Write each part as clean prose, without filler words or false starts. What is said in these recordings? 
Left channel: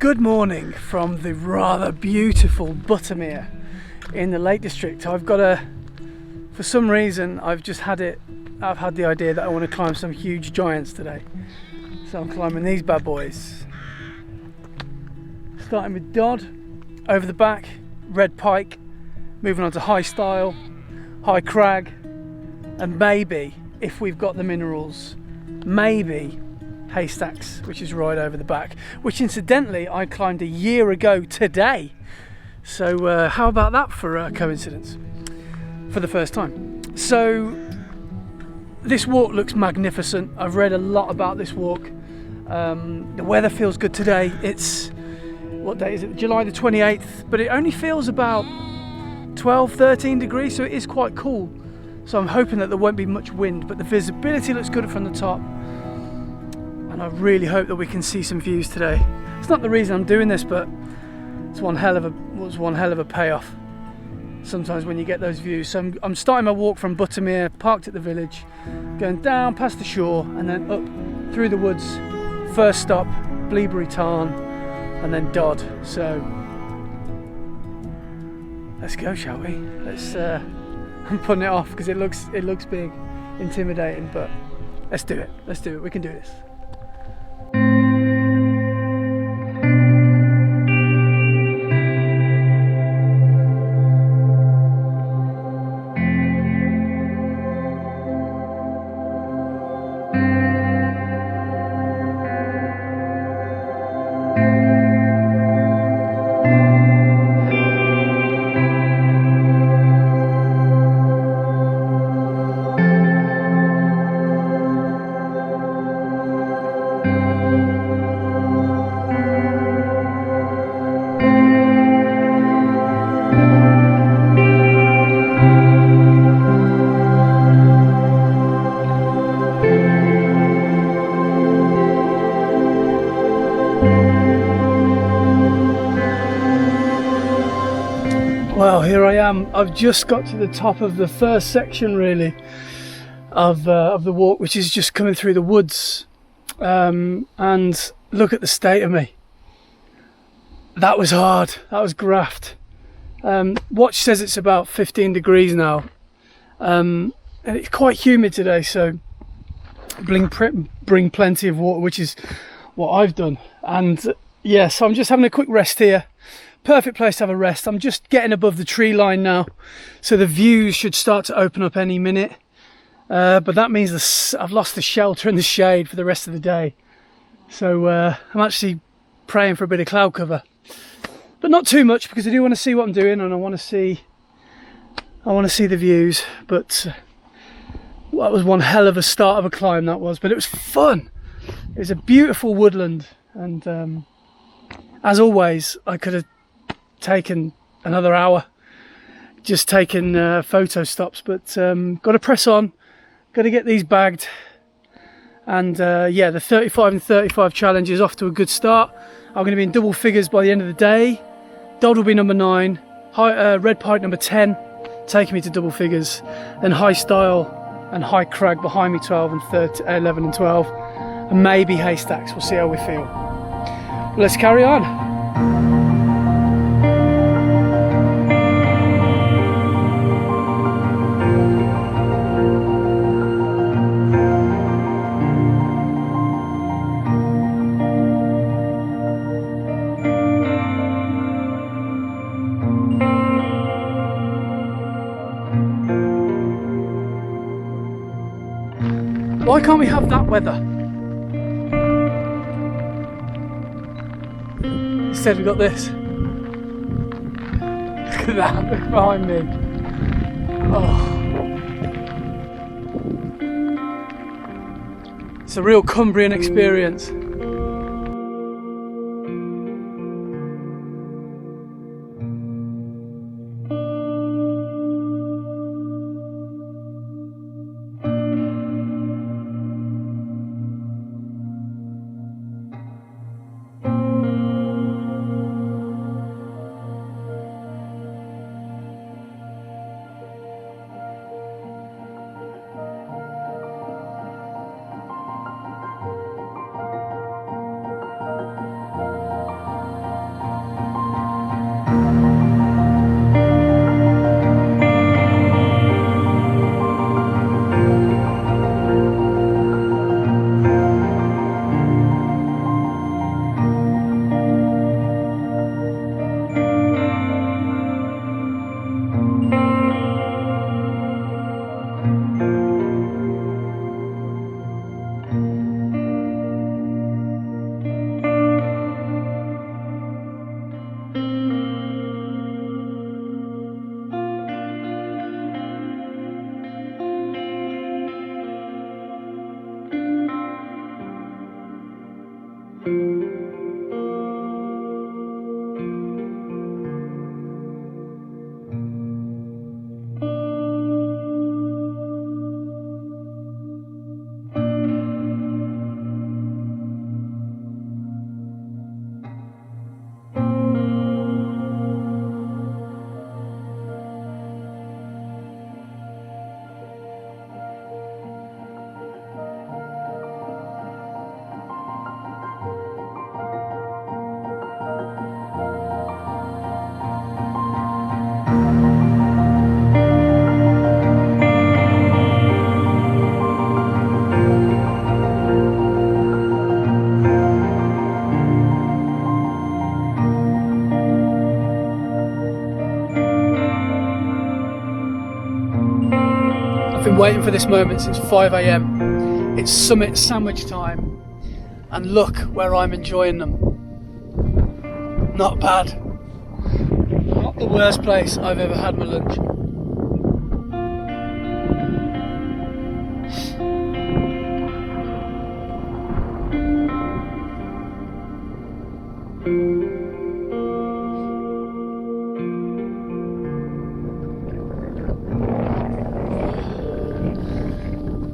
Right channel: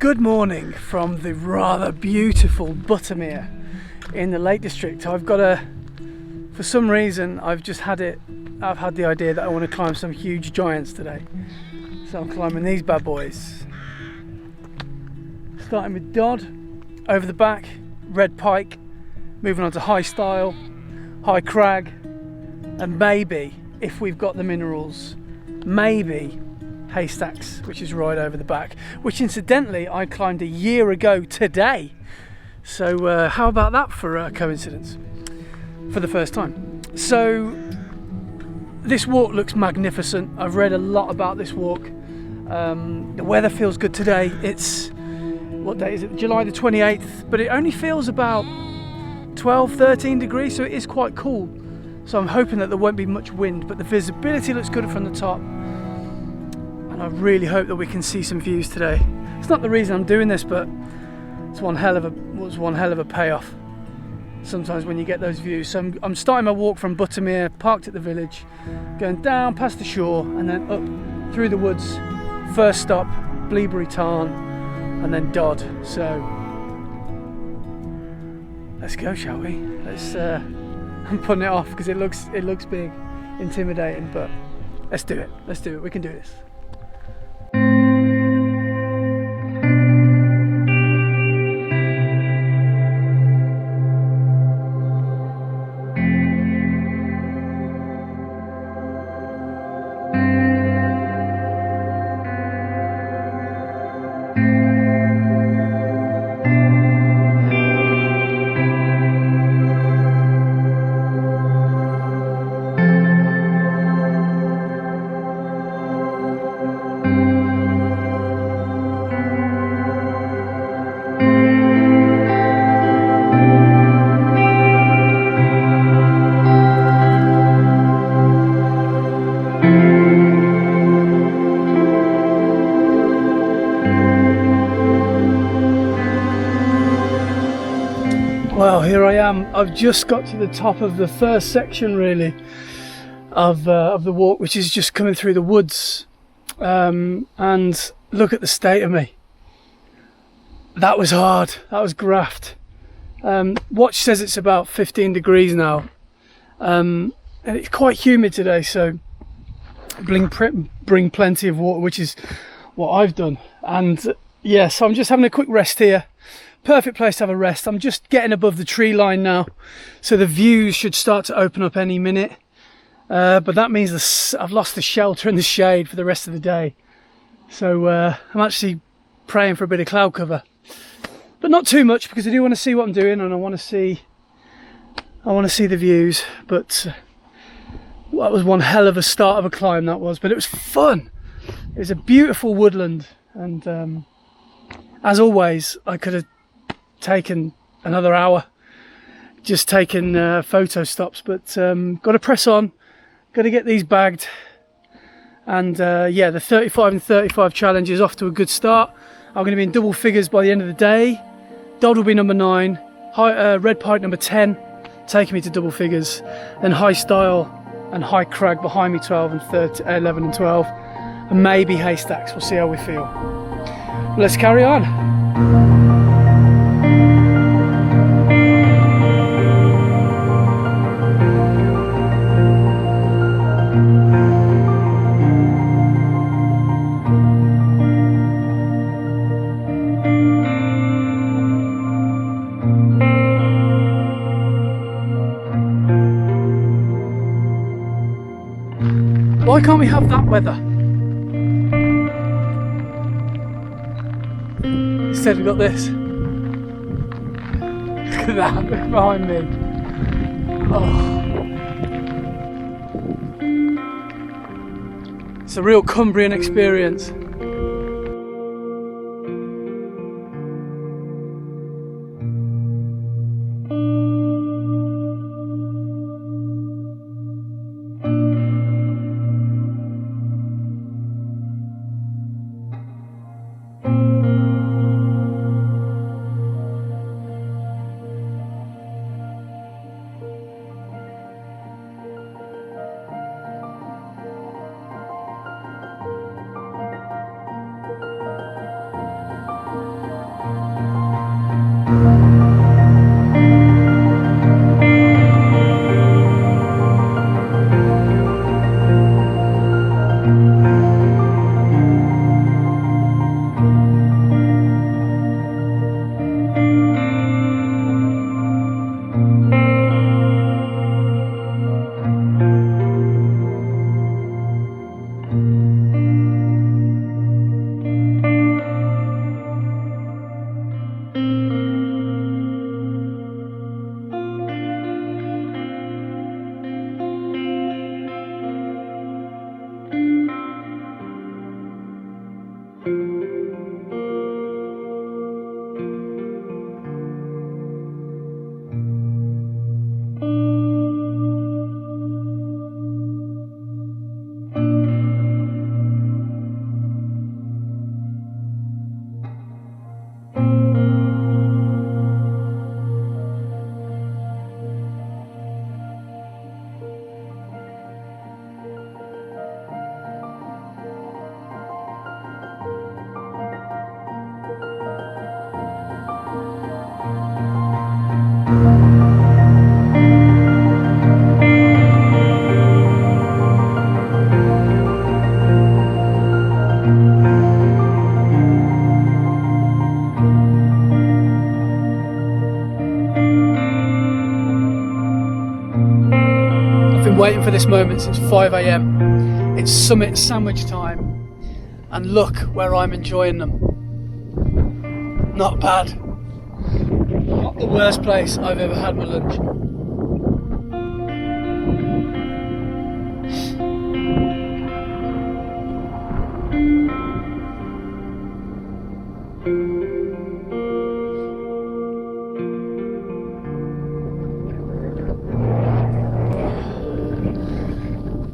Good morning from the rather beautiful Buttermere in the Lake District. For some reason, I've had the idea that I want to climb some huge giants today. So I'm climbing these bad boys. Starting with Dodd, over the back, red Pike, moving on to high Stile, high Crag, and maybe, if we've got the minerals, maybe Haystacks, which is right over the back, which incidentally I climbed a year ago today. So how about that for a coincidence? For the first time. So this walk looks magnificent. I've read a lot about this walk. The weather feels good today. It's, what day is it? July the 28th, but it only feels about 12-13 degrees, so it is quite cool. So I'm hoping that there won't be much wind, but the visibility looks good from the top. And I really hope that we can see some views today. It's not the reason I'm doing this, but it's one hell of a payoff sometimes when you get those views. So I'm starting my walk from Buttermere, parked at the village, going down past the shore and then up through the woods. First stop, Bleaberry Tarn, and then Dodd. So let's go, shall we? I'm putting it off because it looks big, intimidating, but let's do it. We can do this. Well, here I am. I've just got to the top of the first section, really, of the walk, which is just coming through the woods. And look at the state of me. That was hard. That was graft. Watch says it's about 15 degrees now, and it's quite humid today. So bring plenty of water, which is what I've done. And yeah, so I'm just having a quick rest here. Perfect place to have a rest. I'm just getting above the tree line now, so the views should start to open up any minute. But that means I've lost the shelter and the shade for the rest of the day. So I'm actually praying for a bit of cloud cover, but not too much, because I do want to see what I'm doing and I want to see the views. But that was one hell of a start of a climb, that was. But it was fun. It was a beautiful woodland, and as always, I could have taken another hour just taking photo stops, but got to press on, got to get these bagged. And yeah, the 35 and 35 challenge is off to a good start. I'm going to be in double figures by the end of the day. Dodd will be number 9, red Pike number 10, taking me to double figures, then high Stile and high Crag behind me, 12 and 11 and 12, and maybe Haystacks. We'll see how we feel. Let's carry on. Why can't we have that weather? Instead we've got this. Look at that, look behind me. Oh. It's a real Cumbrian experience. waiting for this moment since 5 a.m. It's summit sandwich time, and look where I'm enjoying them. Not bad. Not the worst place I've ever had my lunch.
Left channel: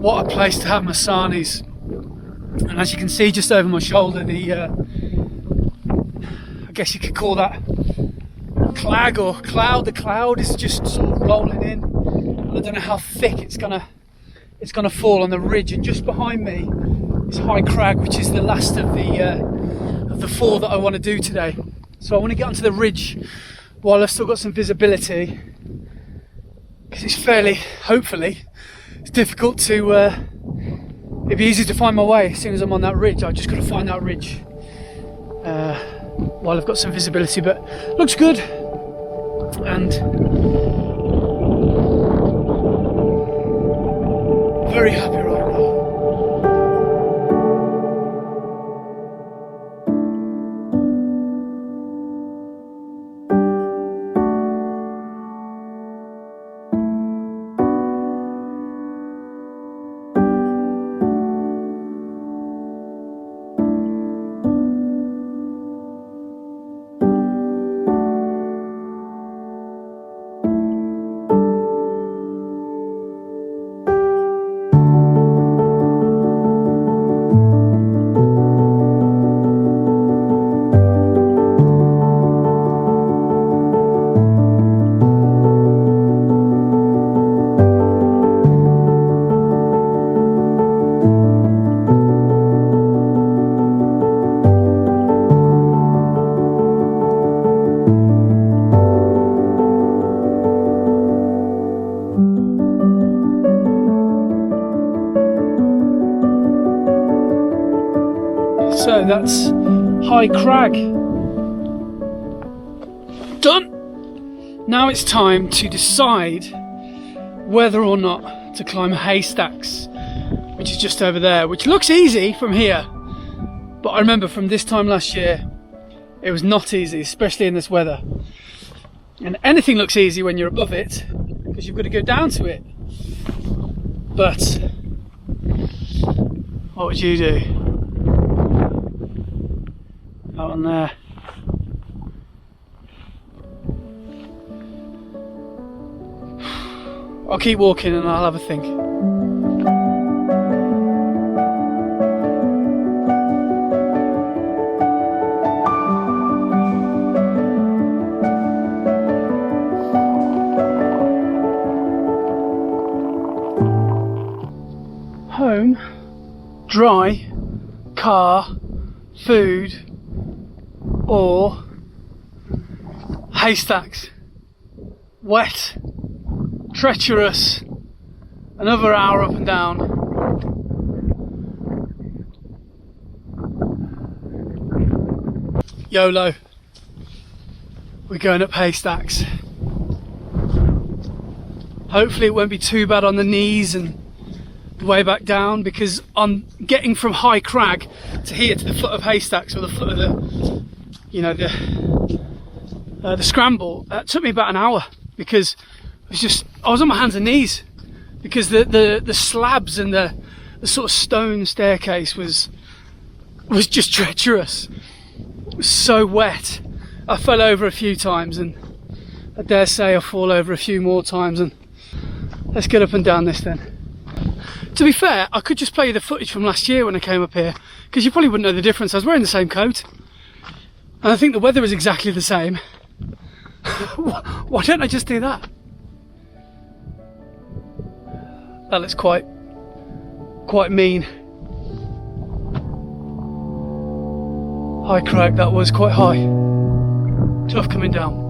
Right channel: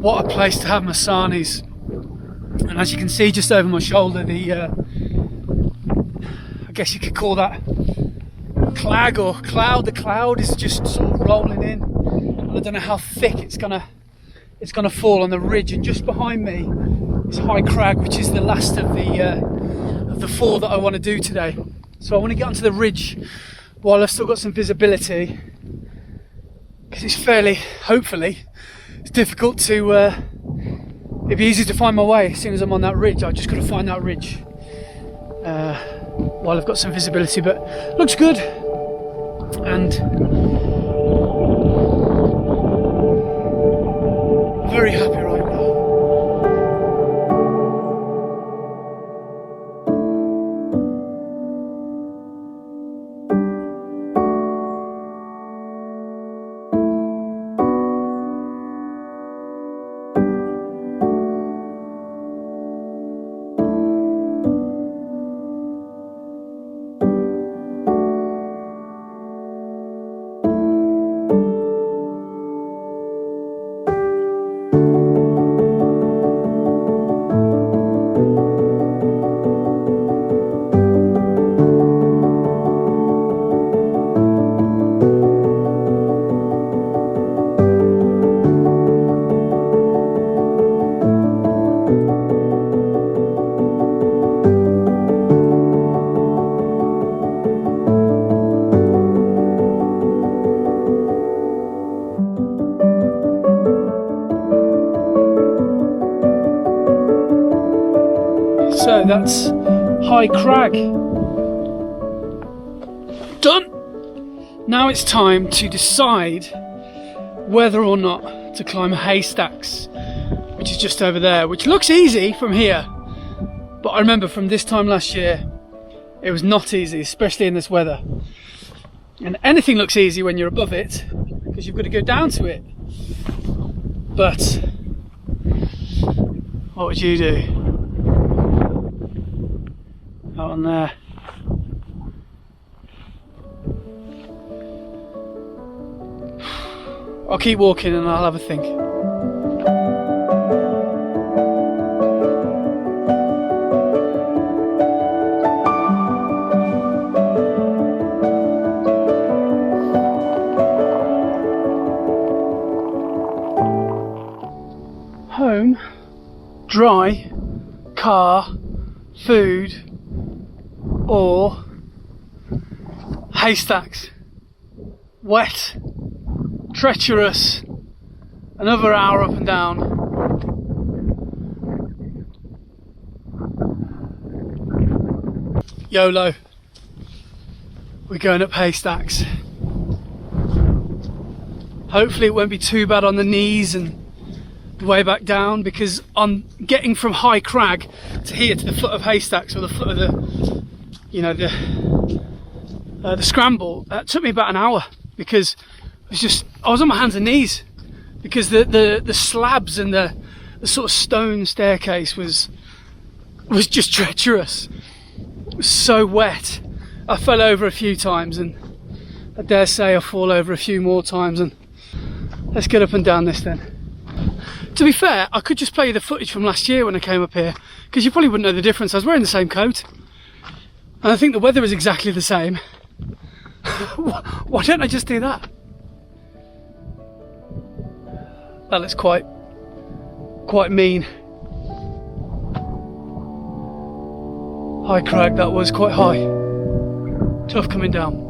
What a place to have masanis. And as you can see just over my shoulder, I guess you could call that clag or cloud. The cloud is just sort of rolling in. I don't know how thick it's gonna fall on the ridge. And just behind me is High Crag, which is the last of the four that I want to do today. So I want to get onto the ridge while I've still got some visibility, because it's fairly, hopefully, it's difficult to, it'd be easy to find my way as soon as I'm on that ridge. I've just got to find that ridge while I've got some visibility, but looks good. And very happy right now. So that's High Crag done. Now it's time to decide whether or not to climb Haystacks, which is just over there, which looks easy from here, but I remember from this time last year it was not easy, especially in this weather. And anything looks easy when you're above it, because you've got to go down to it. But what would you do? Out on there. I'll keep walking and I'll have a think. Home, dry, car, food, or Haystacks, wet, treacherous, another hour up and down. YOLO, we're going up Haystacks. Hopefully it won't be too bad on the knees and the way back down, because on getting from High Crag to here to the foot of Haystacks, or the foot of the, you know, the scramble, that took me about an hour, because I was on my hands and knees, because the slabs and the sort of stone staircase was just treacherous. It was so wet. I fell over a few times, and I dare say I'll fall over a few more times. And let's get up and down this then. To be fair, I could just play you the footage from last year when I came up here, because you probably wouldn't know the difference. I was wearing the same coat, and I think the weather is exactly the same. Why don't I just do that? That looks quite mean. High Crag, that was quite high. Tough coming down.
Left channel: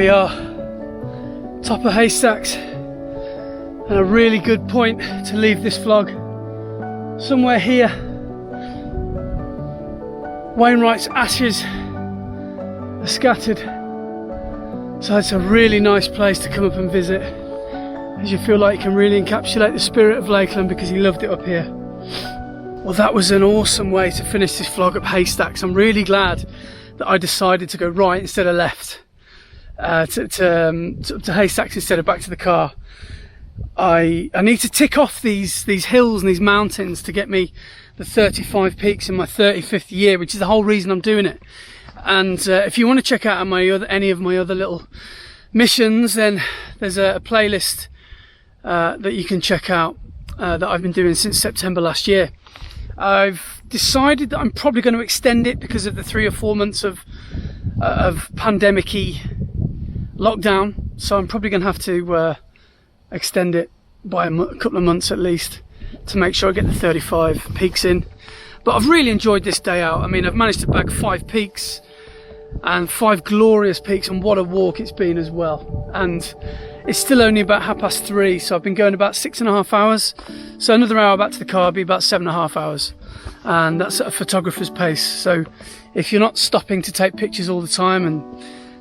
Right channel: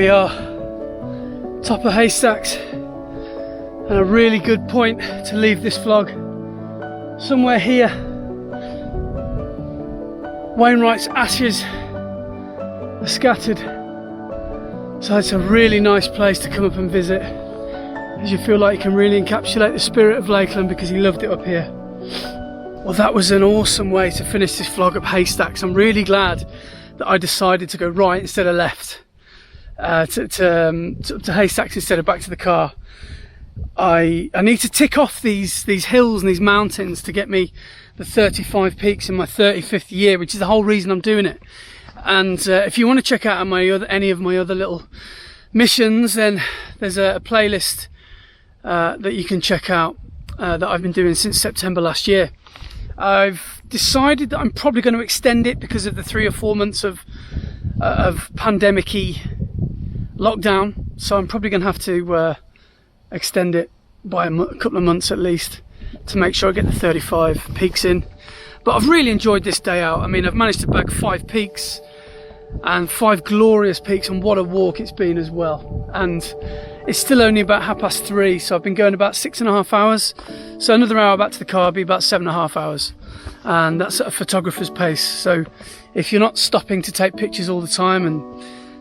we are, top of Haystacks, and a really good point to leave this vlog. Somewhere here, Wainwright's ashes are scattered, so it's a really nice place to come up and visit, as you feel like you can really encapsulate the spirit of Lakeland because he loved it up here. Well, that was an awesome way to finish this vlog up Haystacks. I'm really glad that I decided to go right instead of left, to Haystacks instead of back to the car. I need to tick off these hills and these mountains to get me the 35 peaks in my 35th year, which is the whole reason I'm doing it. And if you want to check out any of my other little missions, then there's a playlist that you can check out that I've been doing since September last year. I've decided that I'm probably going to extend it because of the 3 or 4 months of pandemic-y lockdown, so I'm probably going to have to extend it by a couple of months at least to make sure I get the 35 peaks in. But I've really enjoyed this day out. I mean, I've managed to bag 5 peaks and 5 glorious peaks, and what a walk it's been as well. And it's still only about 3:30, so I've been going about 6.5 hours. So another hour back to the car will be about 7.5 hours, and that's at a photographer's pace. So if you're not stopping to take pictures all the time and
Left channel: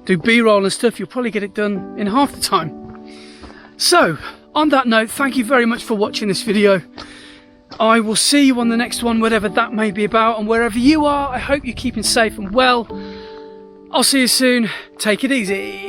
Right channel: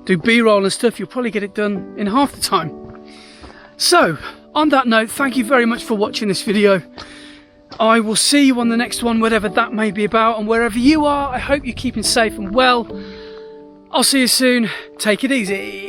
do B-roll and stuff, you'll probably get it done in half the time. So on that note, thank you very much for watching this video. I will see you on the next one, whatever that may be about, and wherever you are, I hope you're keeping safe and well. I'll see you soon. Take it easy.